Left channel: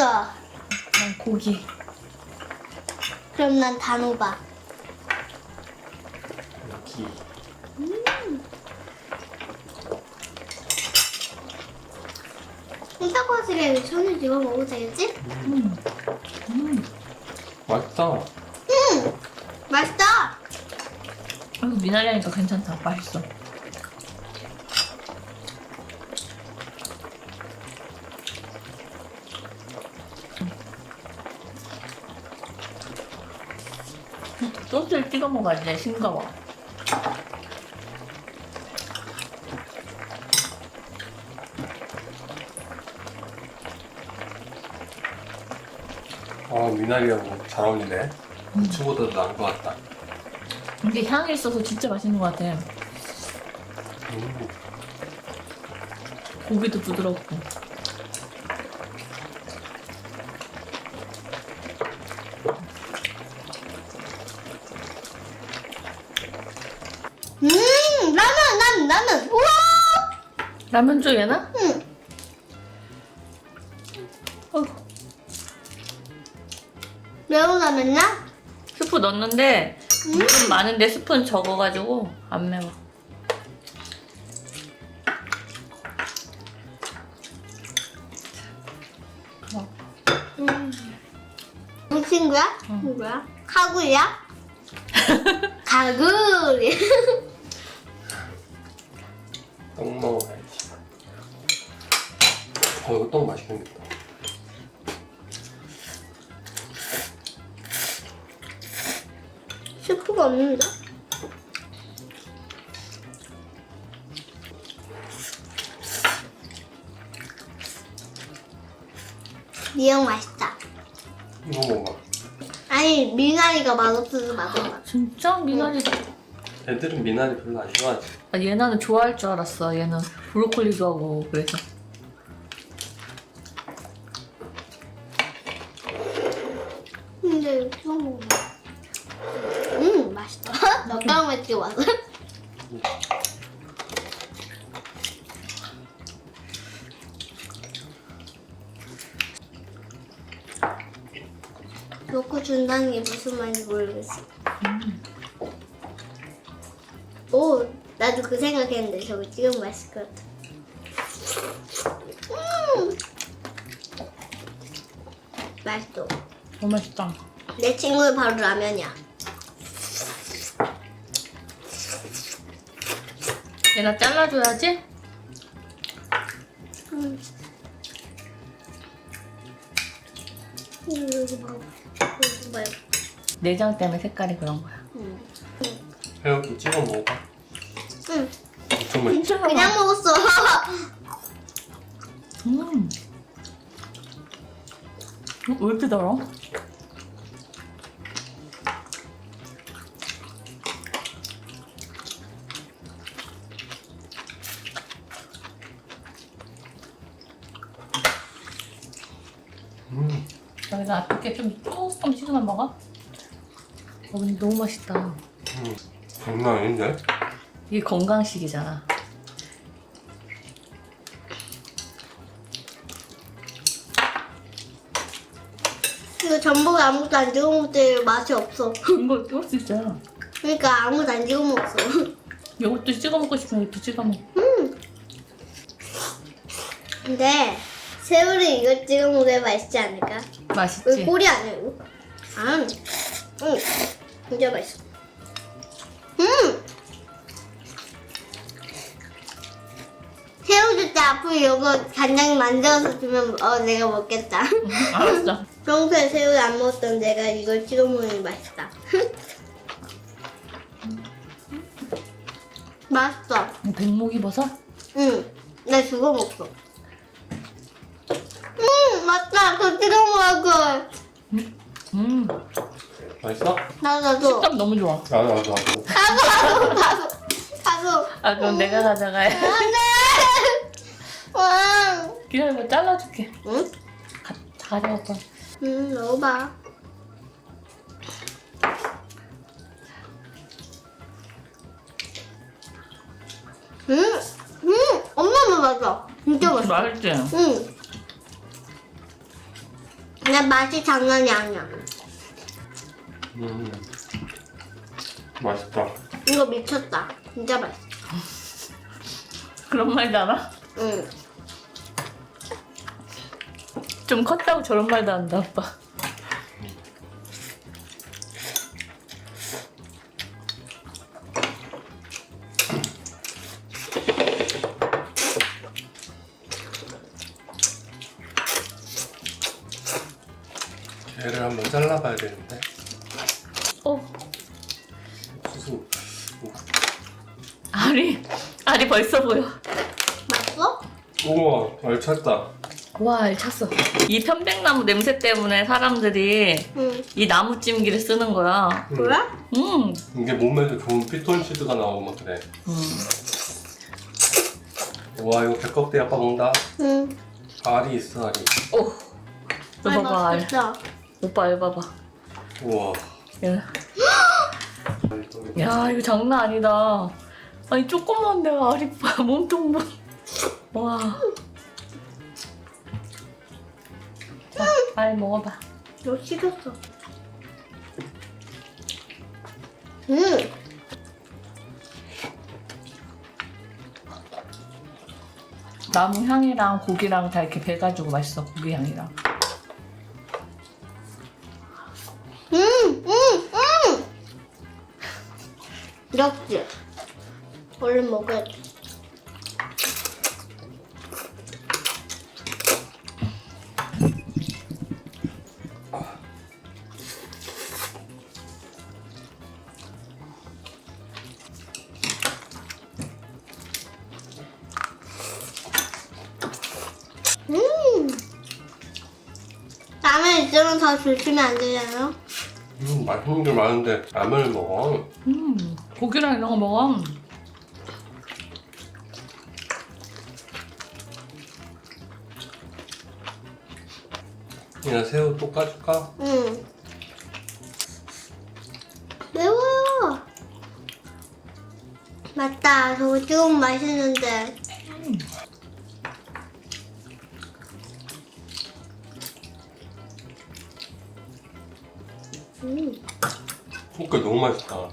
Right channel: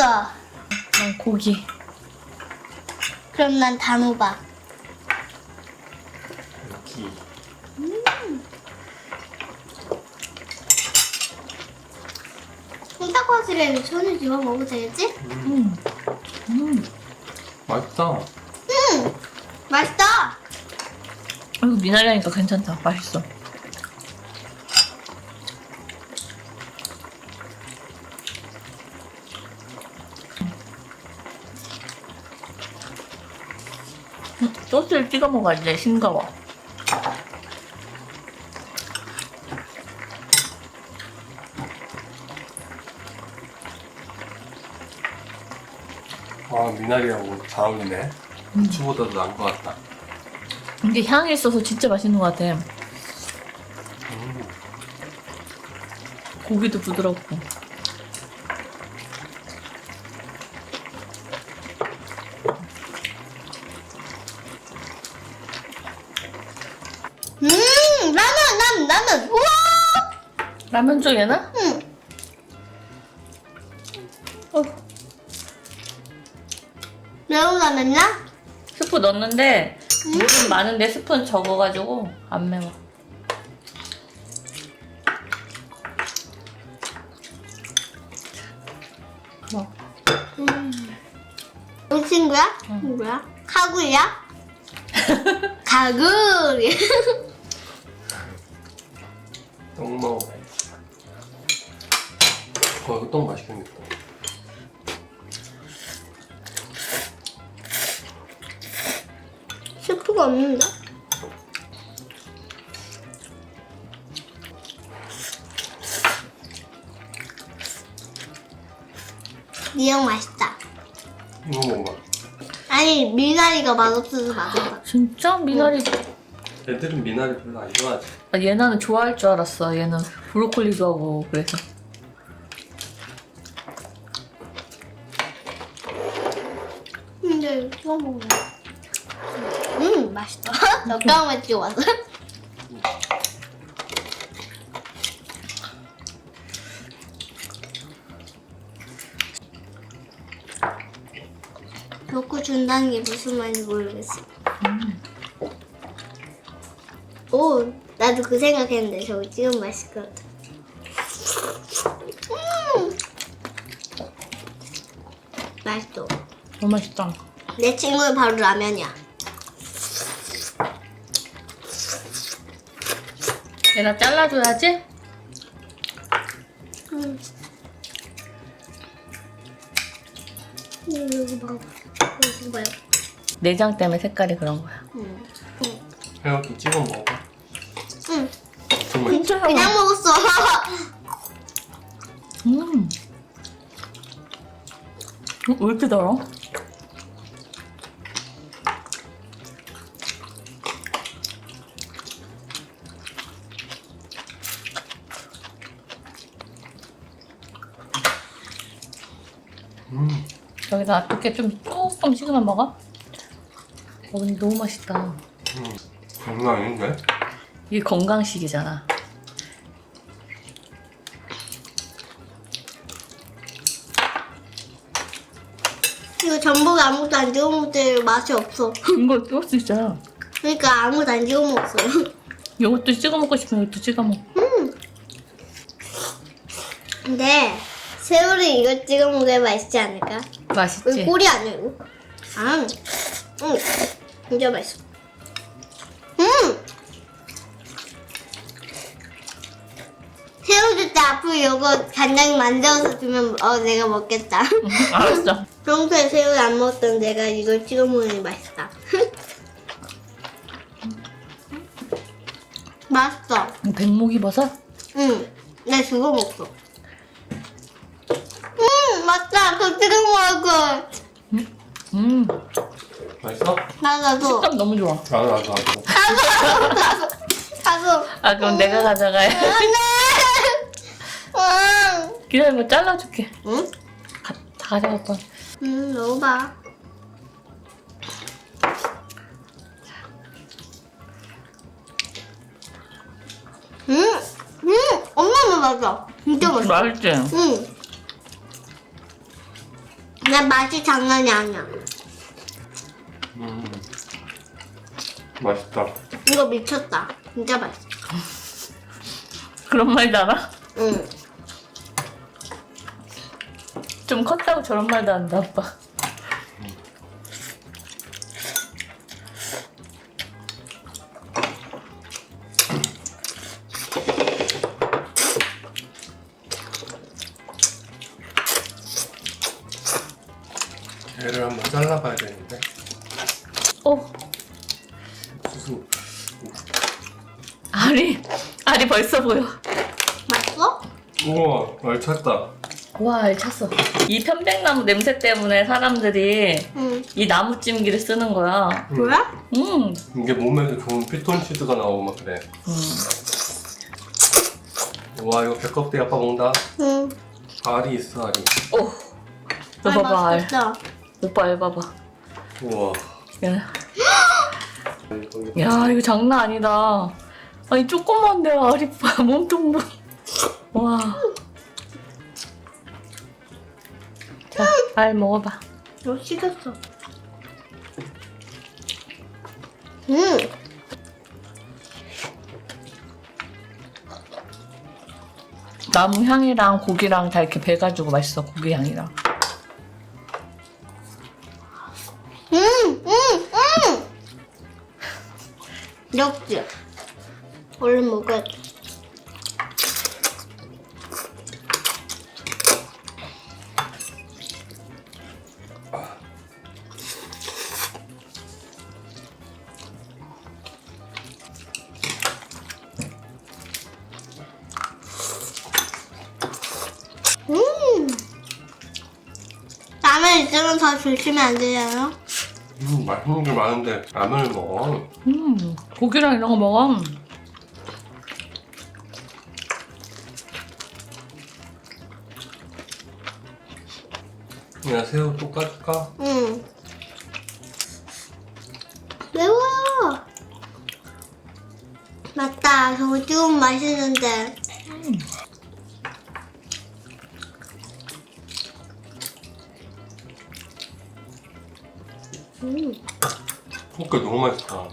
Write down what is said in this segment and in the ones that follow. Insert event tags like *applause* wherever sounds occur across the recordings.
있겠다. 어, 고기. 그럼 난 단호박. 여기 흰닭과실에 손을 집어 먹어도 되겠지? 음. 음. 맛있다. 음, 맛있다. 이거 미나리니까 괜찮다. 맛있어. 소스를 찍어 먹어야 돼. 싱거워. 아 미나리하고 잘 어울리네. 음. 고추보다도 나은 것 같다. 근데 향이 있어서 진짜 맛있는 것 같아. 음. 고기도 부드럽고. 라면, 난 라면. 우와. 라면 줘 얘는? 응. 어, 매운 라면이야? 스프 넣었는데 물은 많은데 스프는 적어가지고 안 매워. 음. 이 친구야? 응. 누구야? 카구야? 가구리. 어 이거 떡 맛있겠다. 스프가 없는데? 미역 맛있다. 이거 먹어봐. 아니 미나리가 맛없어서 맛은 맛. 진짜 미나리. 애들은 미나리 별로 안 좋아하지. 아, 얘는 좋아할 줄 알았어. 얘는 브로콜리 좋아하고 그래서. 음 맛있다. 넉장만 찍어왔어. 먹고 준다는 게 무슨 말인지 모르겠어. 오, 나도 그 생각했는데 저거 찍으면 맛있을 것 같아. 음, 맛있어. 너무 맛있다. 내 친구는 바로 라면이야. 얘가 잘라줘야지. 음. 여기. 여기. 내장 때문에 색깔이 그런 거야. 음. 이렇게 찍어 먹어봐. 응. 엄청 맛있. 진짜 그냥 먹었어. 음. 어, 왜 이렇게 달아? 여기다 이렇게 좀 조금 식으면 먹어? 어, 근데 너무 맛있다. 음. 장난 아닌데? 이게 건강식이잖아. 이거 전복에 아무것도 안 찍어 먹을 때 맛이 없어. 이거 찍을 수 있잖아. 그러니까 아무것도 안 찍어 먹었어요. 이것도 찍어 먹고 싶으면 이것도 찍어 먹어. 근데 새우를 이거 찍어 먹어야 맛있지 않을까? 맛있지? 꼬리 아니야 이거? 아, 응, 진짜 맛있어. 음, 새우 줄때 앞으로 이거 간장 만들어서 주면 어 내가 먹겠다. 알았어. *laughs* 평소에 새우 안 먹었던 내가 이걸 찍어 먹는 게 맛있다. *laughs* 맛있어. 백목이 버섯? 응. 나 그거 먹어. 음 찍어 먹을 걸. 음, 맛있어? 나 나도. 식감 너무 좋아. 나도 나도 나도. 가서 가서 가서. 아, 그럼 내가 가져가야 안돼. 응. 기다려봐, 잘라줄게. 응? 가, 다 거야. 응 넣어봐. 음, 음, 엄마 맛있어. 진짜 맛있어. 맛있지? 응. 그냥 맛이 장난이 아니야. 음. 맛있다. 이거 미쳤다. 진짜 맛있어. 그런 말도 알아? 응. 좀 컸다고 저런 말도 한다, 아빠. 얘를 한번 잘라봐야 되는데. 어, 수수. 알이, 알이 벌써 보여. 맛있어? 우와, 얼찼다. 와, 알 찼어. 이 편백나무 냄새 때문에 사람들이 응. 이 나무찜기를 쓰는 거야. 음. 뭐야? 음. 이게 몸에 좋은 피톤치드가 나오고 막 그래. 음. 와, 이거 배껍데기 아빠 먹는다. 응. 알이 있어, 알이. 오. 너 아, 봐봐, 알. 맛있어. 오빠 알 봐봐. 우와. 야, 야, 이거 장난 아니다. 아니, 조그만데 봐, *laughs* 몸통도. 와. 자, 알 먹어봐. 너 식었어. 응. 나무 향이랑 고기랑 다 이렇게 배가지고 맛있어, 고기 향이랑. 역시. 얼른 먹어야 돼. 음. 라면 있으면 더 조심히 안 되잖아. 음, 맛있는 게 많은데 라면을 먹어. 음, 고기랑 이런 거 먹어. 그냥 새우 또 까줄까? 응. 매워요. 맞다. 저거 좀 맛있는데. 음. 그러니까 너무 맛있다.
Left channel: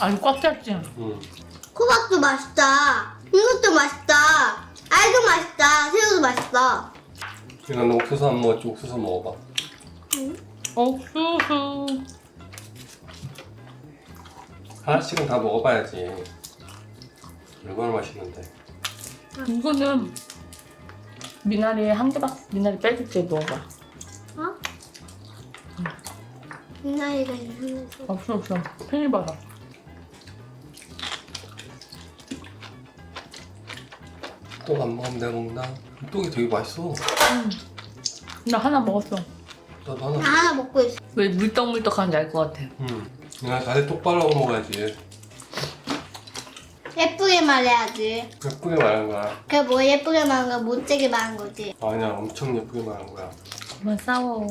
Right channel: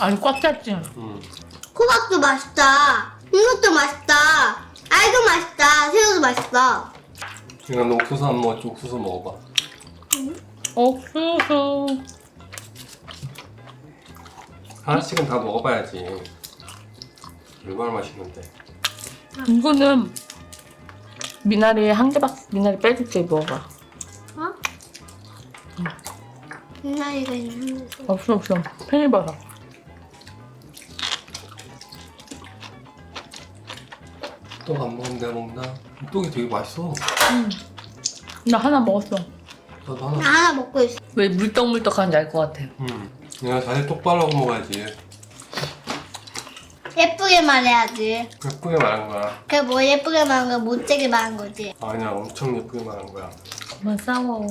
아니, 꽉 찼지? 음. 호박도 맛있다. 이것도 맛있다. 알도 맛있다. 새우도 맛있다. 그러니까 너 옥수수 안 먹었지? 옥수수 먹어봐. 옥수수. 하나씩은 다 먹어봐야지. 얼마나 맛있는데. 이거는 미나리 한 개밖에 미나리 빼줄게 먹어. 어? 옛날이가 있는데. 없어 없어. 팽이 봐라. 또안 먹으면 내가 먹나? 똥이 되게 맛있어. 나 하나 먹었어. 나도 나 하나. 하나 먹고 있어. 왜 물떡물떡한지 알 것 같아. 음. 내가 자세 똑바로 하고 먹어야지. 예쁘게 말해야지. 예쁘게 말한 거야. 그게 뭐 예쁘게 말한 거야? 못되게 말한 거지. 아니야, 엄청 예쁘게 말한 거야. 그만 싸워.